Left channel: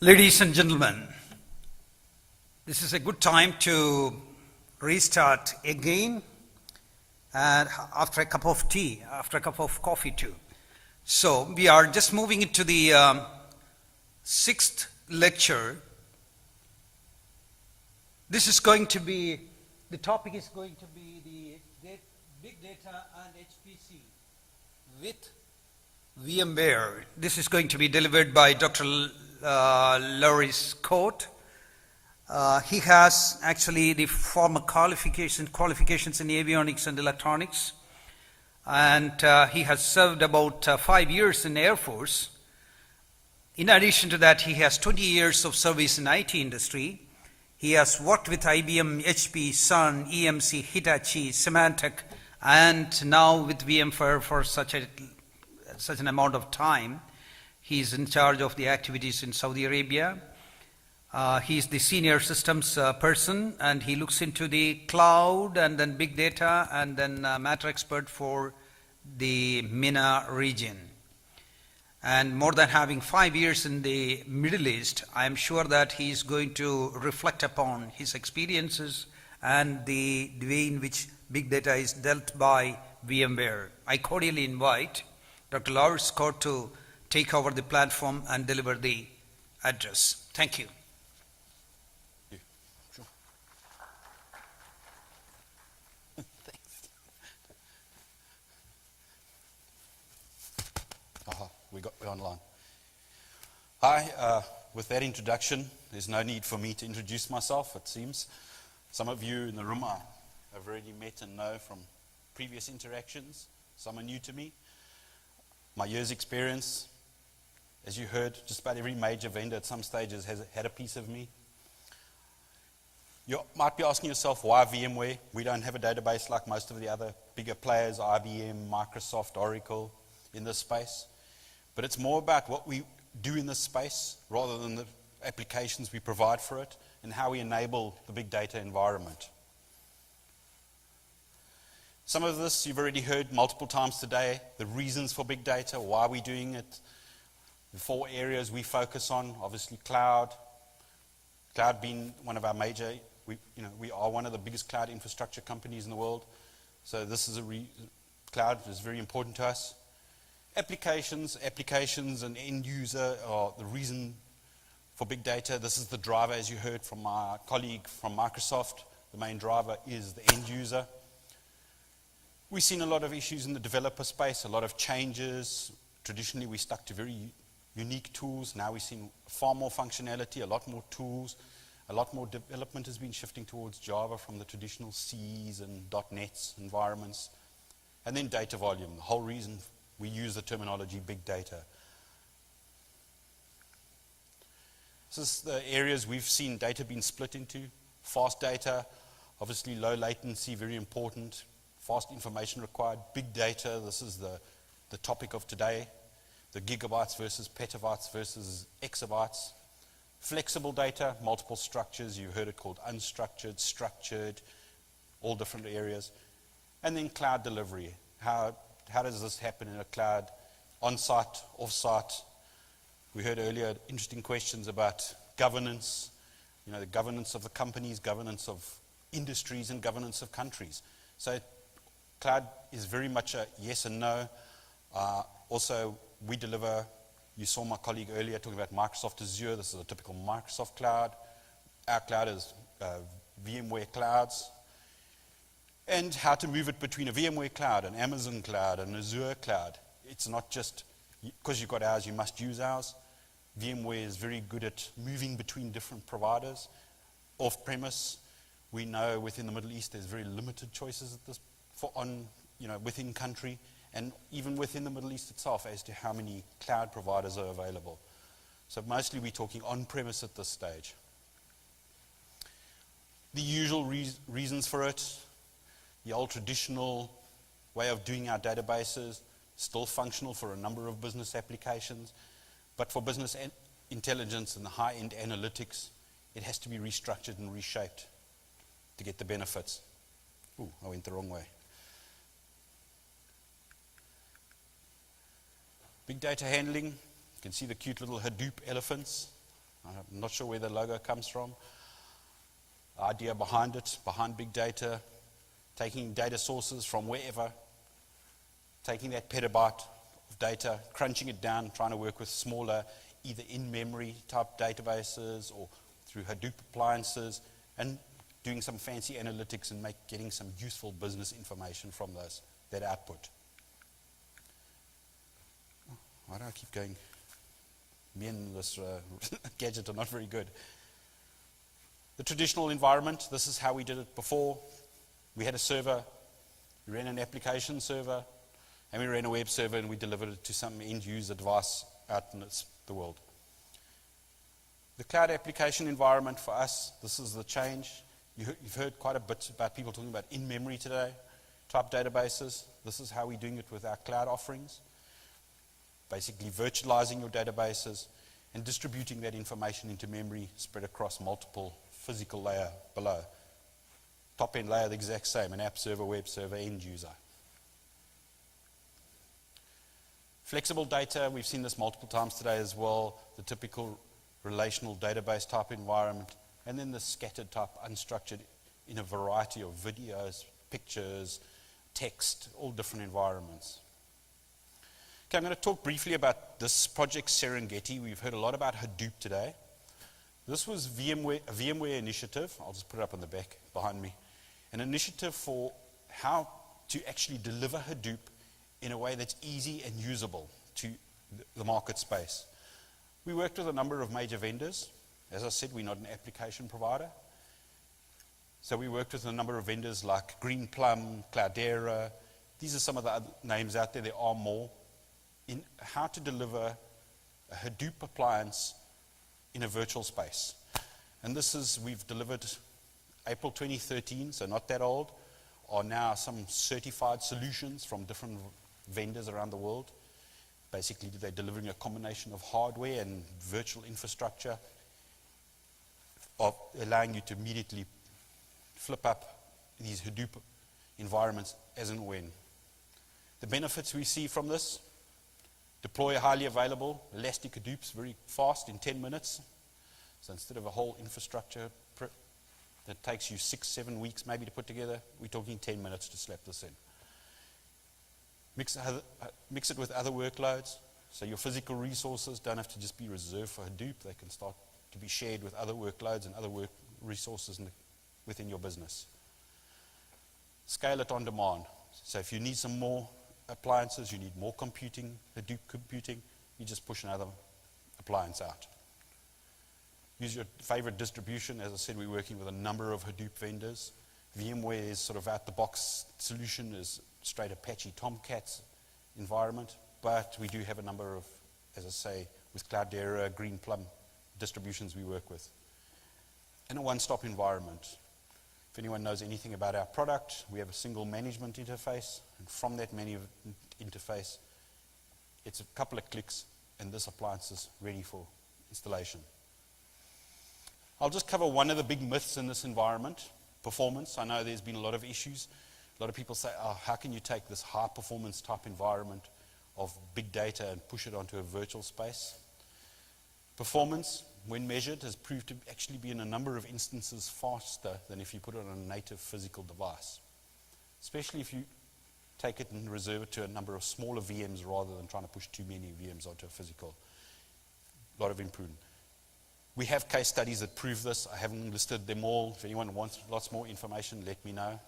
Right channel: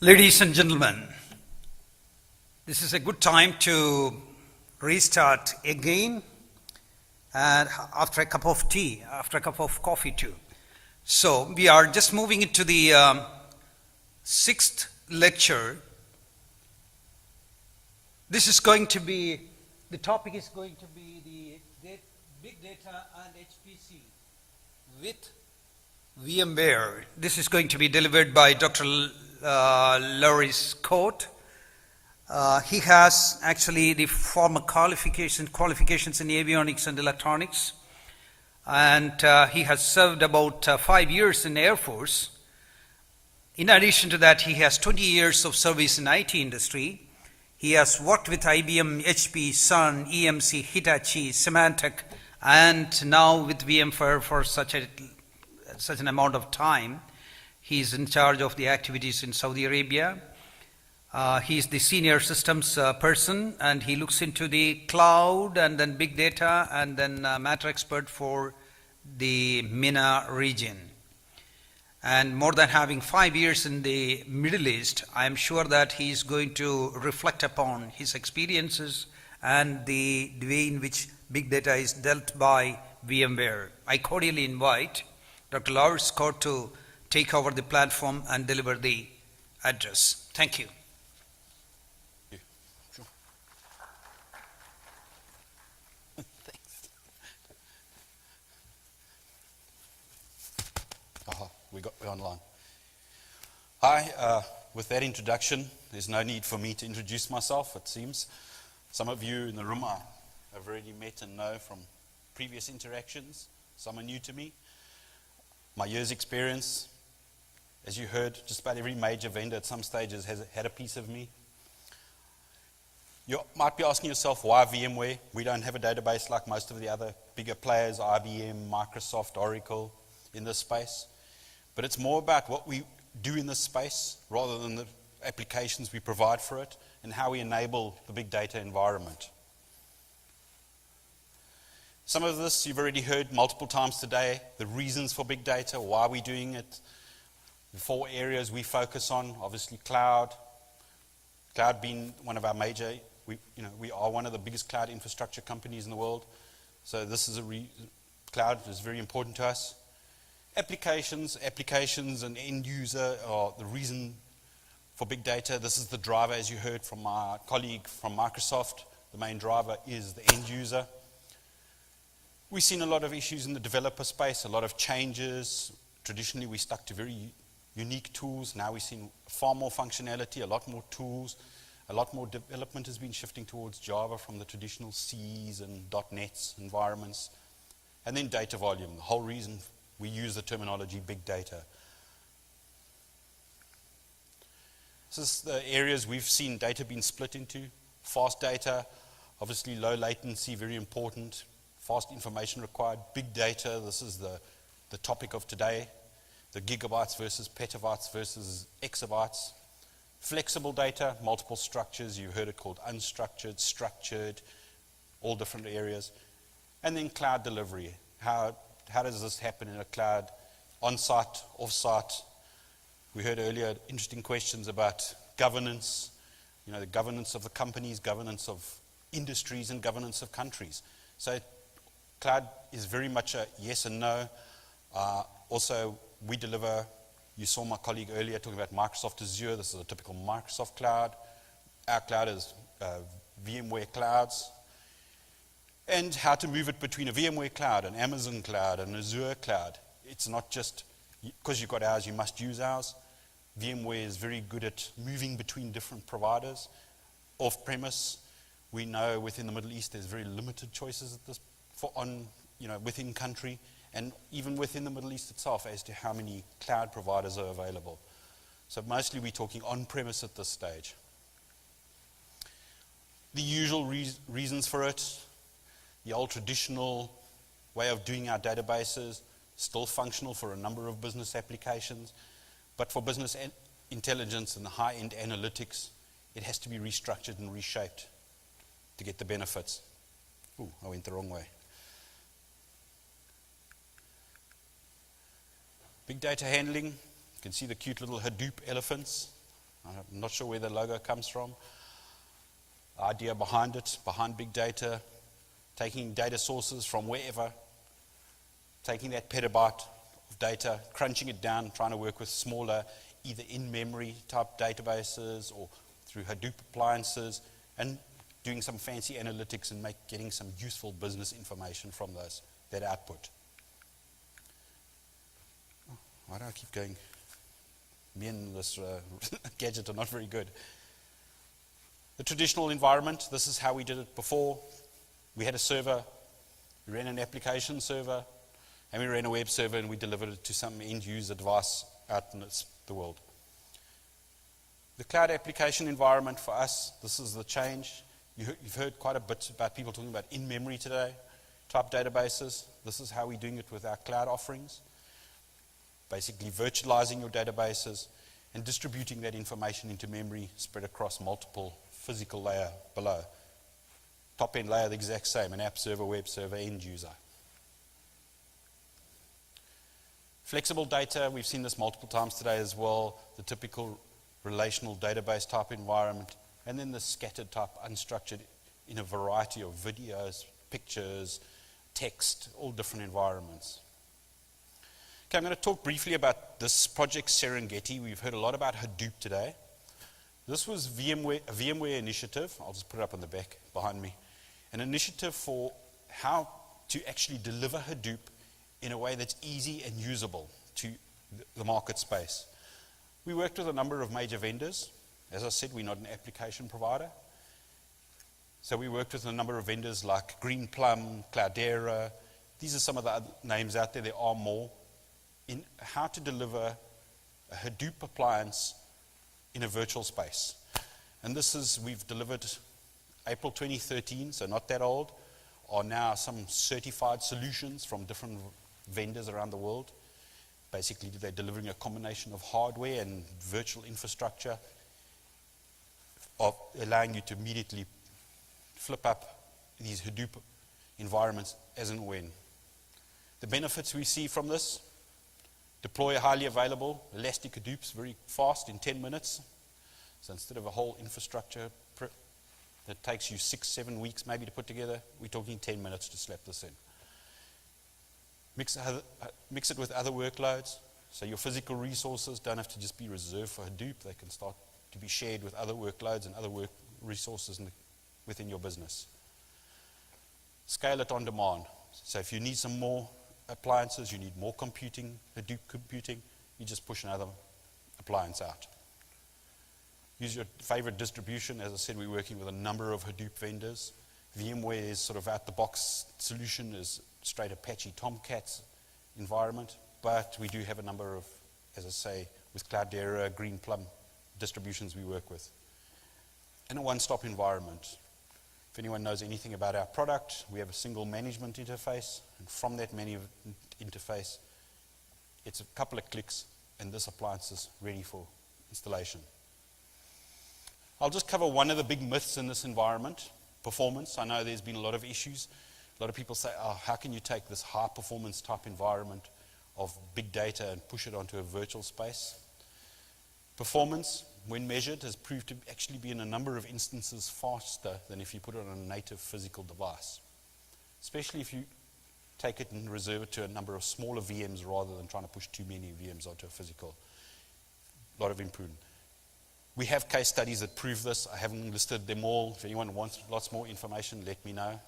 Ladies and gentlemen, this is a good time to restart again and after a cup of tea, after a cup of coffee too. So we are just moving into the sixth lecture. This is going to be, the topic is going to be the big data and HPC with VMware. This is going to be delivered by Dr. Laurie Scott. He has actually the former qualifications in avionics and electronics, and he has served about 5 years in the Air Force. In addition to that, he has 20 years of service in IT industry. He has worked with IBM, HP, Sun, EMC, Hitachi, Symantec, and now with VMware for such an amount of time. He is in charge of the activities in Saudi Arabia. He is the senior systems person, and he looks into the cloud and then big data and then matter expert for the MENA region. And more than having 5 years in the Middle East, I am sure that he is going to reflect upon his experiences and the way in which big data is dealt by VMware. I cordially invite Dr. Laurie Scott to take over the platform and deliver the address. Thank you. Sure. Thanks. We're online. Hi, with that introduction, there's no need for me to introduce myself, it seems. Some of you in the room I've already met and know from previous interactions. Some are new to me. My year's experience, as you heard, just about every major vendor at some stages has had a piece of me. You might be asking yourself, why VMware? We don't have a database like most of the other bigger players, IBM, Microsoft, Oracle, in this space. But it's more about what we do in this space rather than the applications we provide for it and how we enable the big data environment. Some of this you've already heard multiple times today, the reasons for big data, why we're doing it. The 4 areas we focus on, obviously cloud being one of our major, we are one of the biggest cloud infrastructure companies in the world. So this is cloud is very important to us. Applications and end user are the reason for big data. This is the driver, as you heard from my colleague from Microsoft. The main driver is the end user. We've seen a lot of issues in the developer space, a lot of changes. Traditionally, we stuck to very unique tools. Now we're seeing far more functionality, a lot more tools, a lot more development has been shifting towards Java from the traditional C's and .NET's environments. And then data volume, the whole reason we use the terminology big data. This is the areas we've seen data being split into. Fast data, obviously low latency, very important. Fast information required. Big data, this is the topic of today. The gigabytes versus petabytes versus exabytes. Flexible data, multiple structures. You heard it called unstructured, structured, all different areas. And then cloud delivery. How does this happen in a cloud? On-site, off-site. We heard earlier interesting questions about governance. The governance of the companies, governance of industries, and governance of countries. So cloud is very much a yes and no. Also, we deliver, you saw my colleague earlier talking about Microsoft Azure. This is a typical Microsoft cloud. Our cloud is VMware clouds. And how to move it between a VMware cloud, an Amazon cloud, an Azure cloud. It's not just, because you've got ours, you must use ours. VMware is very good at moving between different providers. Off-premise, we know within the Middle East there's very limited choices at this within country, and even within the Middle East itself as to how many cloud providers are available. So mostly we're talking on-premise at this stage. The usual reasons for it, the old traditional way of doing our databases, still functional for a number of business applications, but for business intelligence and the high-end analytics, it has to be restructured and reshaped to get the benefits. Ooh, I went the wrong way. Big data handling, you can see the cute little Hadoop elephants. I'm not sure where the logo comes from. The idea behind it, behind big data, taking data sources from wherever, taking that petabyte of data, crunching it down, trying to work with smaller, either in-memory type databases or through Hadoop appliances, and doing some fancy analytics and getting some useful business information from that output. Why do I keep going? Me and this gadget are not very good. The traditional environment, this is how we did it before. We had a server, we ran an application server, and we ran a web server, and we delivered it to some end-user device out in the world. The cloud application environment for us, this is the change. You've heard quite a bit about people talking about in-memory today, type databases. This is how we're doing it with our cloud offerings. Basically virtualizing your databases and distributing that information into memory spread across multiple physical layer below. Top-end layer, the exact same, an app server, web server, end user. Flexible data, we've seen this multiple times today as well, the typical relational database type environment, and then the scattered type, unstructured, in a variety of videos, pictures, text, all different environments. Okay, I'm going to talk briefly about this project Serengeti. We've heard a lot about Hadoop today. This was a VMware initiative. I'll just put it up on the back behind me. An initiative for how to actually deliver Hadoop in a way that's easy and usable to the market space. We worked with a number of major vendors. As I said, we're not an application provider. So we worked with a number of vendors like Greenplum, Cloudera. These are some of the other names out there. There are more. In how to deliver a Hadoop appliance in a virtual space. And this is, we've delivered April 2013, so not that old, are now some certified solutions from different vendors around the world. Basically, they're delivering a combination of hardware and virtual infrastructure, of allowing you to immediately flip up these Hadoop environments as and when. The benefits we see from this: deploy a highly available elastic Hadoops very fast in 10 minutes. So instead of a whole infrastructure that takes you 6-7 weeks maybe to put together, we're talking 10 minutes to slap this in. Mix it with other workloads, so your physical resources don't have to just be reserved for Hadoop. They can start to be shared with other workloads and other resources within your business. Scale it on demand. So if you need some more appliances, you need more computing, Hadoop computing, you just push another appliance out. Use your favorite distribution. As I said, we're working with a number of Hadoop vendors. VMware's sort of out-the-box solution is straight Apache Tomcats environment, but we do have a number of, as I say, with Cloudera, Greenplum distributions we work with. In a one-stop environment. If anyone knows anything about our product, we have a single management interface, and from that menu interface, it's a couple of clicks, and this appliance is ready for installation. I'll just cover one of the big myths in this environment, performance. I know there's been a lot of issues. A lot of people say, oh, how can you take this high-performance type environment of big data and push it onto a virtual space? Performance, when measured, has proved to actually be in a number of instances faster than if you put it on a native physical device, especially if you take it and reserve it to a number of smaller VMs rather than trying to push too many VMs onto a physical. A lot of improvement. We have case studies that prove this. I haven't listed them all. If anyone wants lots more information, let me know.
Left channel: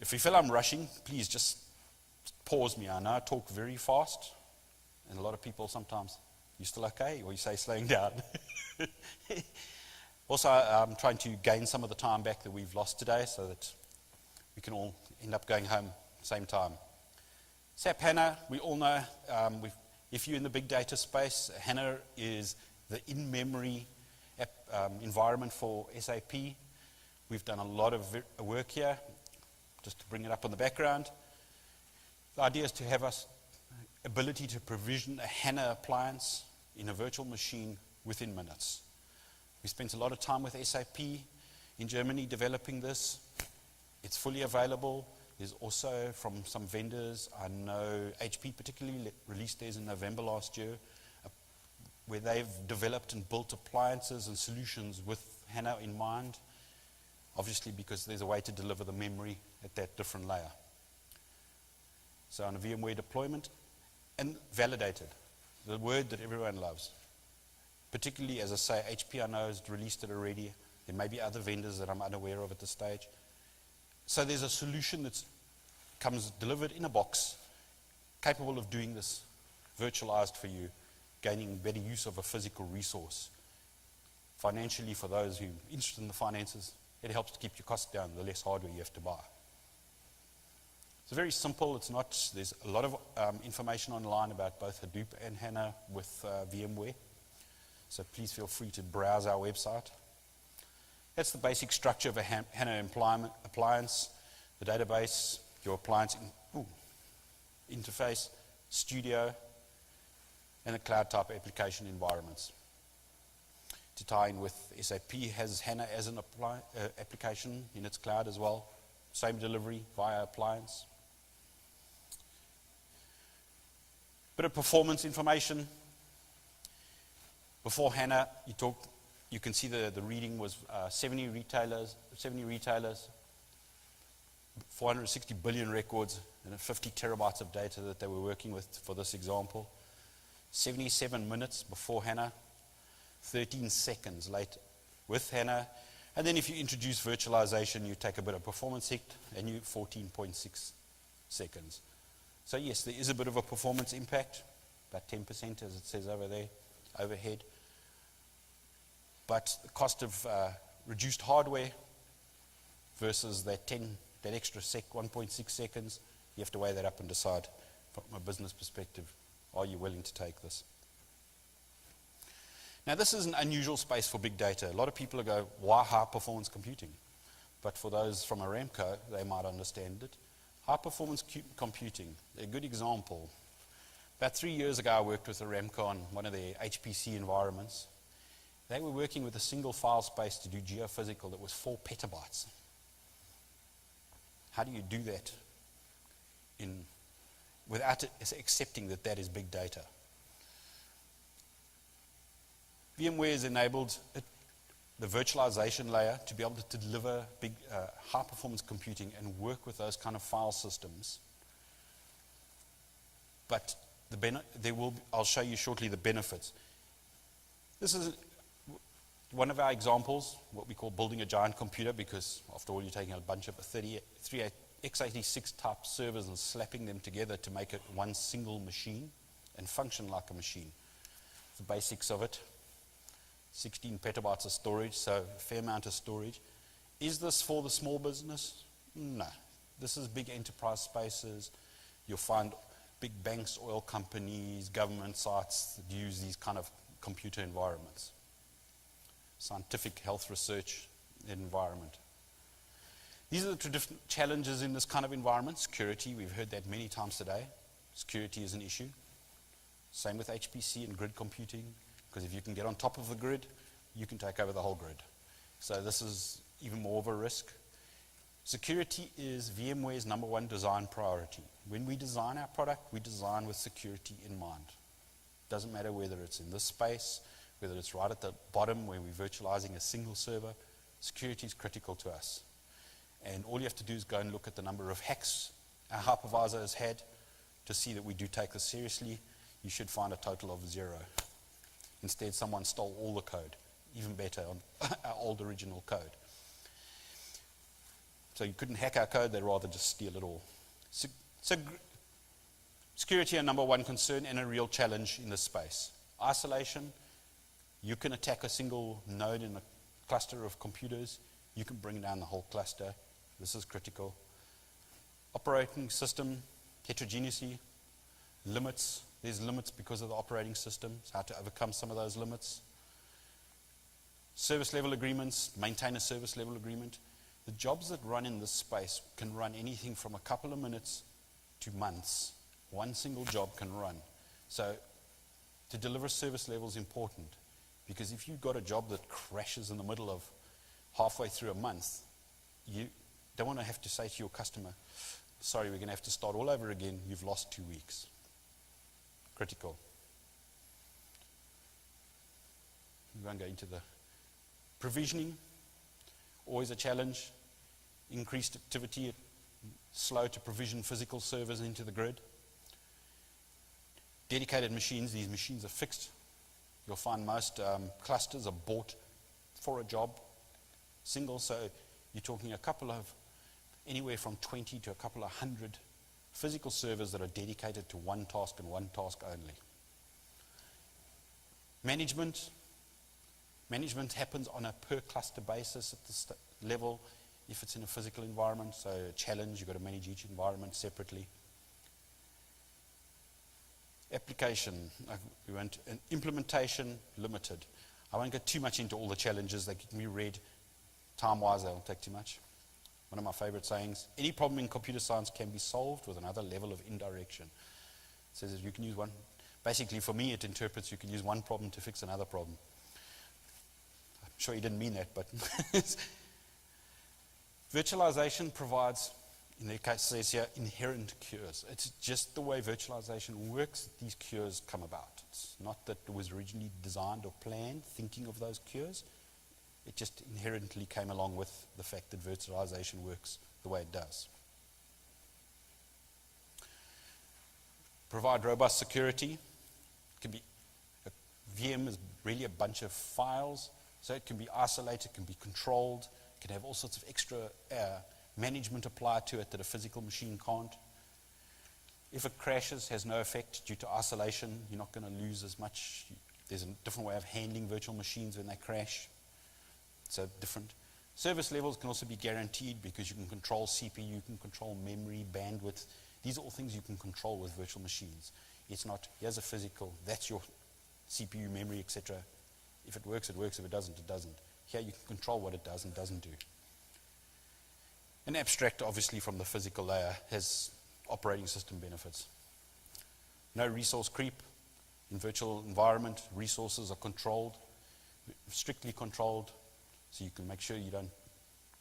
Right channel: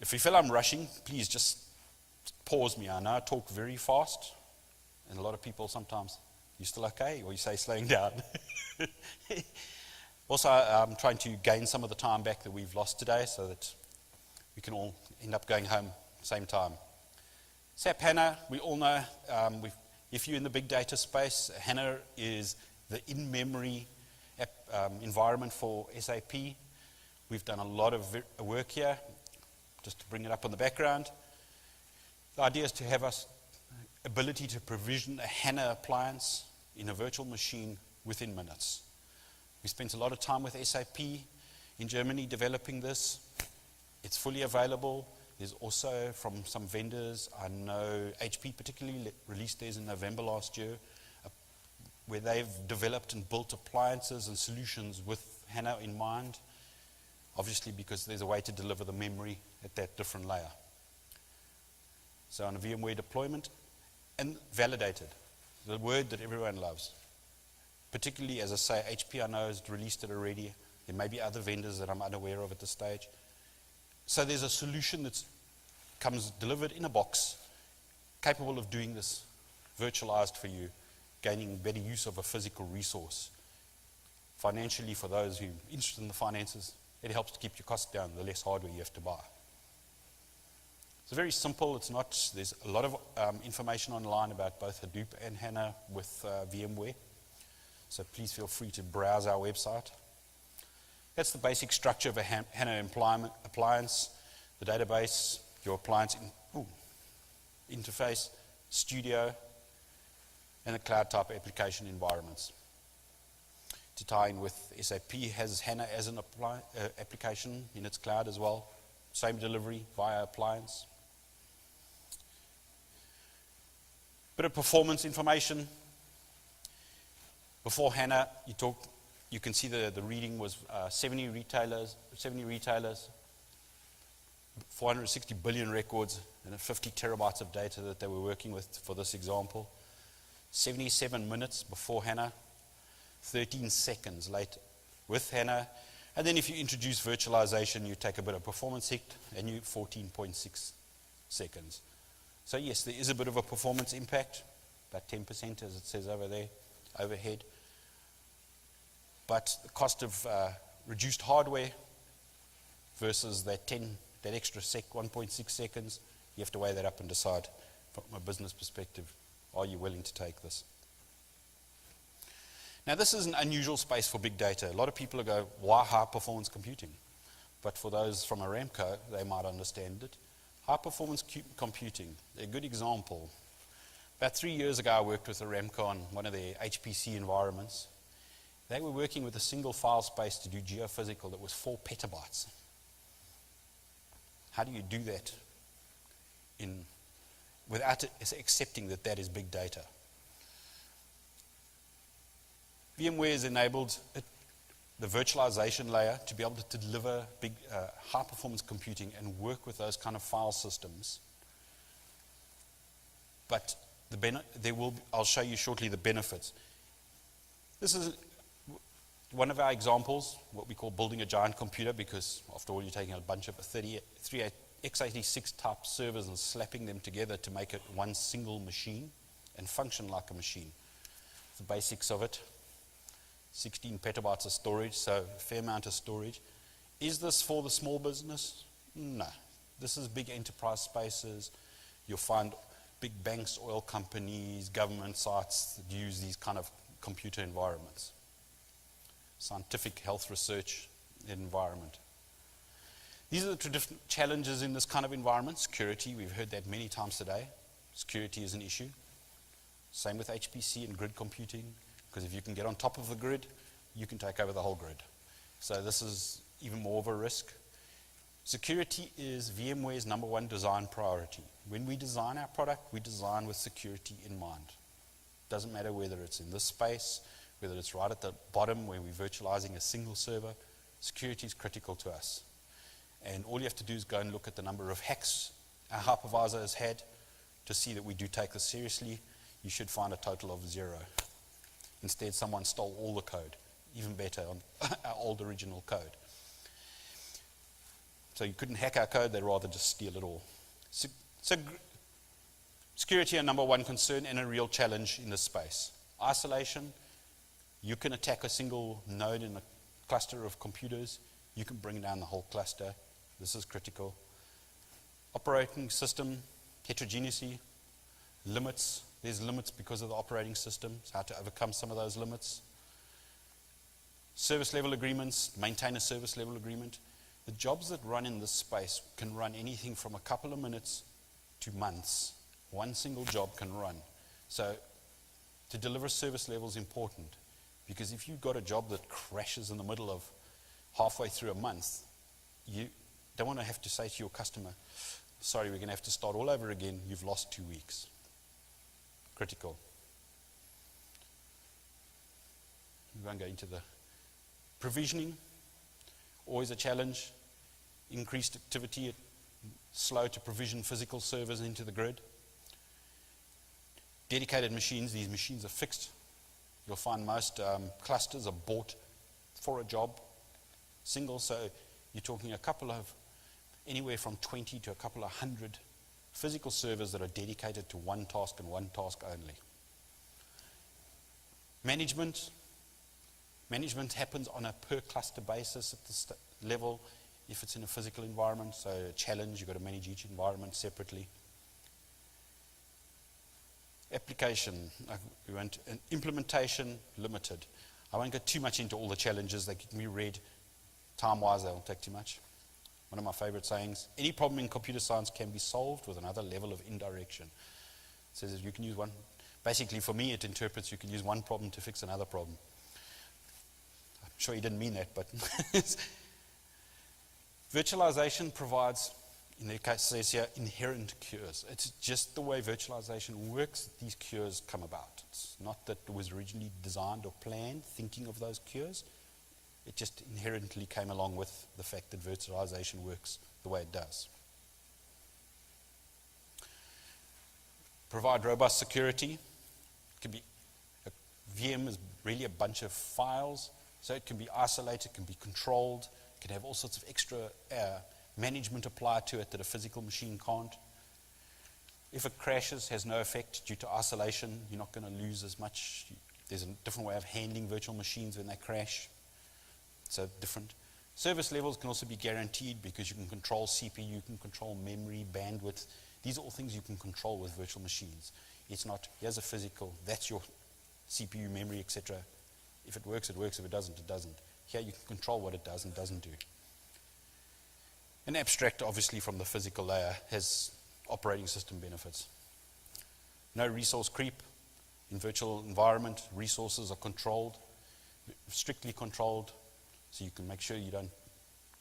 If you feel I'm rushing, please just pause me. I know I talk very fast, and a lot of people sometimes, you still okay? Or you say slowing down. Also, I'm trying to gain some of the time back that we've lost today so that we can all end up going home at the same time. SAP HANA, we all know, if you're in the big data space, HANA is the in-memory environment for SAP. We've done a lot of work here, just to bring it up on the background. The idea is to have us ability to provision a HANA appliance in a virtual machine within minutes. We spent a lot of time with SAP in Germany developing this. It's fully available. There's also from some vendors, I know HP particularly released theirs in November last year, where they've developed and built appliances and solutions with HANA in mind, obviously because there's a way to deliver the memory at that different layer. So on a VMware deployment, and validated, the word that everyone loves. Particularly, as I say, HP I know has released it already. There may be other vendors that I'm unaware of at this stage. So there's a solution that comes delivered in a box, capable of doing this, virtualized for you, gaining better use of a physical resource. Financially, for those who are interested in the finances, it helps to keep your costs down, the less hardware you have to buy. It's very simple. It's not, there's a lot of information online about both Hadoop and HANA with VMware. So please feel free to browse our website. That's the basic structure of a HANA appliance, the database, your appliance interface, studio, and the cloud type application environments. To tie in with SAP, has HANA as an application in its cloud as well. Same delivery via appliance. Bit of performance information. Before HANA, you can see the reading was 70 retailers, 460 billion records, and 50 terabytes of data that they were working with for this example. 77 minutes before HANA, 13 seconds later with HANA. And then if you introduce virtualization, you take a bit of performance hit, and you 14.6 seconds. So yes, there is a bit of a performance impact, about 10% as it says over there, overhead. But the cost of reduced hardware versus that extra 1.6 seconds, you have to weigh that up and decide from a business perspective, are you willing to take this? Now this is an unusual space for big data. A lot of people go, why high performance computing? But for those from Aramco, they might understand it. High performance computing, a good example. About 3 years ago, I worked with Aramco on one of their HPC environments. They were working with a single file space to do geophysical that was 4 petabytes. How do you do that without accepting that that is big data? VMware has enabled the virtualization layer to be able to deliver big, high-performance computing and work with those kind of file systems. But I'll show you shortly the benefits. This is one of our examples, what we call building a giant computer, because after all, you're taking a bunch of 33 x86 type servers and slapping them together to make it one single machine and function like a machine. The basics of it. 16 petabytes of storage, so a fair amount of storage. Is this for the small business? No. This is big enterprise spaces. You'll find big banks, oil companies, government sites that use these kind of computer environments. Scientific health research environment. These are the traditional challenges in this kind of environment. Security, we've heard that many times today. Security is an issue. Same with HPC and grid computing. Because if you can get on top of the grid, you can take over the whole grid. So this is even more of a risk. Security is VMware's #1 design priority. When we design our product, we design with security in mind. Doesn't matter whether it's in this space, whether it's right at the bottom where we're virtualizing a single server, security is critical to us. And all you have to do is go and look at the number of hacks our hypervisor has had to see that we do take this seriously. You should find a total of 0. Instead, someone stole all the code, even better, on our old original code. So you couldn't hack our code, they'd rather just steal it all. So security, a #1 concern and a real challenge in this space. Isolation, you can attack a single node in a cluster of computers, you can bring down the whole cluster. This is critical. Operating system, heterogeneity, limits. There's limits because of the operating system, so how to overcome some of those limits. Service level agreements, maintain a service level agreement. The jobs that run in this space can run anything from a couple of minutes to months. One single job can run. So to deliver service level is important, because if you've got a job that crashes in the middle of halfway through a month, you don't want to have to say to your customer, sorry, we're going to have to start all over again, you've lost 2 weeks. Critical. We won't go into the provisioning. Always a challenge. Increased activity, slow to provision physical servers into the grid. Dedicated machines, these machines are fixed. You'll find most clusters are bought for a job, single, so you're talking anywhere from 20 to a couple of hundred physical servers that are dedicated to one task and one task only. Management happens on a per cluster basis at the level if it's in a physical environment, so a challenge, you've got to manage each environment separately. Application, we went an implementation limited. I won't go too much into all the challenges that can be read. Time-wise, they won't take too much. One of my favorite sayings, any problem in computer science can be solved with another level of indirection. It says you can use one, basically for me it interprets you can use one problem to fix another problem. I'm sure he didn't mean that, but virtualization provides, in their case it says here, inherent cures. It's just the way virtualization works that these cures come about. It's not that it was originally designed or planned, thinking of those cures. It just inherently came along with the fact that virtualization works the way it does. Provide robust security. It can be, a VM is really a bunch of files, so it can be isolated, it can be controlled, it can have all sorts of extra management applied to it that a physical machine can't. If it crashes, has no effect due to isolation, you're not going to lose as much. There's a different way of handling virtual machines when they crash. So different. Service levels can also be guaranteed because you can control CPU, you can control memory, bandwidth. These are all things you can control with virtual machines. It's not, here's a physical, that's your CPU, memory, etc. If it works, it works. If it doesn't, it doesn't. Here you can control what it does and doesn't do. An abstract, obviously, from the physical layer has operating system benefits. No resource creep. In virtual environment, resources are controlled, strictly controlled, so you can make sure you don't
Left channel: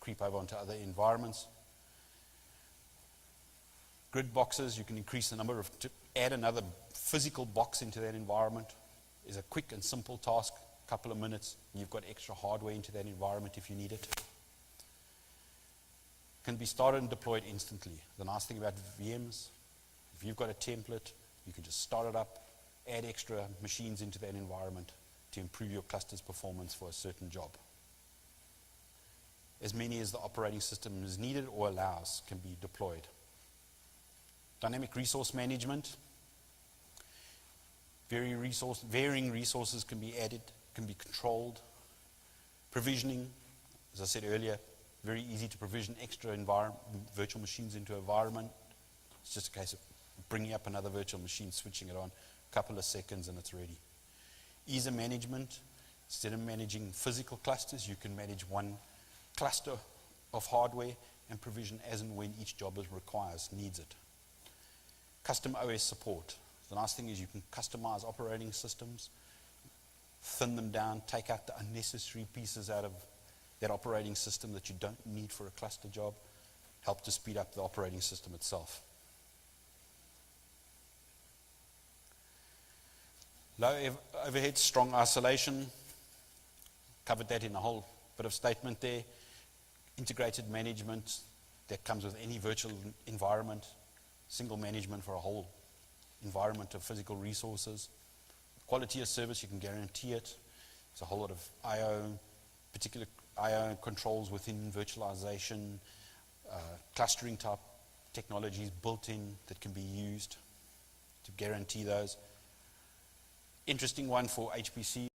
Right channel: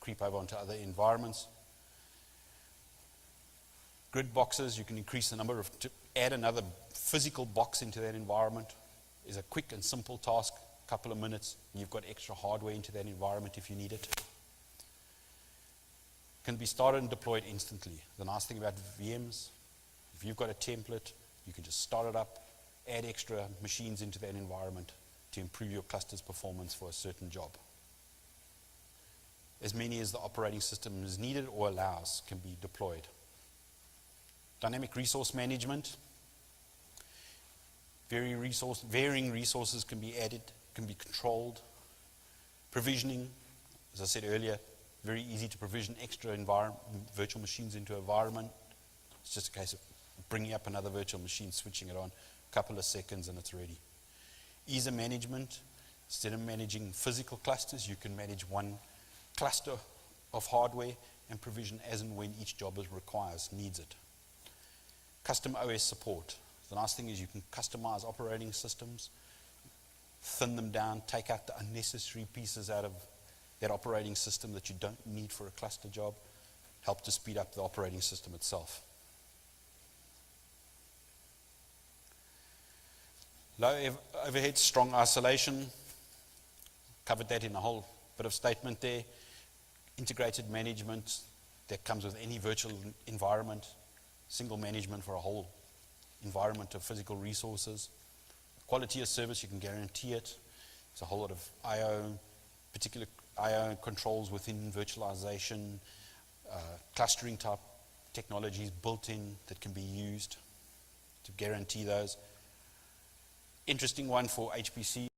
creep over onto other environments. Grid boxes, you can increase the number to add another physical box into that environment is a quick and simple task, a couple of minutes, and you've got extra hardware into that environment if you need it. Can be started and deployed instantly. The nice thing about VMs, if you've got a template, you can just start it up, add extra machines into that environment to improve your cluster's performance for a certain job. As many as the operating system is needed or allows can be deployed. Dynamic resource management. Varying resources can be added, can be controlled. Provisioning, as I said earlier, very easy to provision extra virtual machines into an environment. It's just a case of bringing up another virtual machine, switching it on, a couple of seconds and it's ready. Ease of management. Instead of managing physical clusters, you can manage one cluster of hardware and provision as and when each job needs it. Custom OS support. The nice thing is you can customize operating systems, thin them down, take out the unnecessary pieces out of that operating system that you don't need for a cluster job, help to speed up the operating system itself. Low overhead, strong isolation. Covered that in a whole bit of statement there. Integrated management that comes with any virtual environment. Single management for a whole environment of physical resources. Quality of service, you can guarantee it. There's a whole lot of particular I/O controls within virtualization, clustering type technologies built in that can be used to guarantee those. Interesting one for HPC.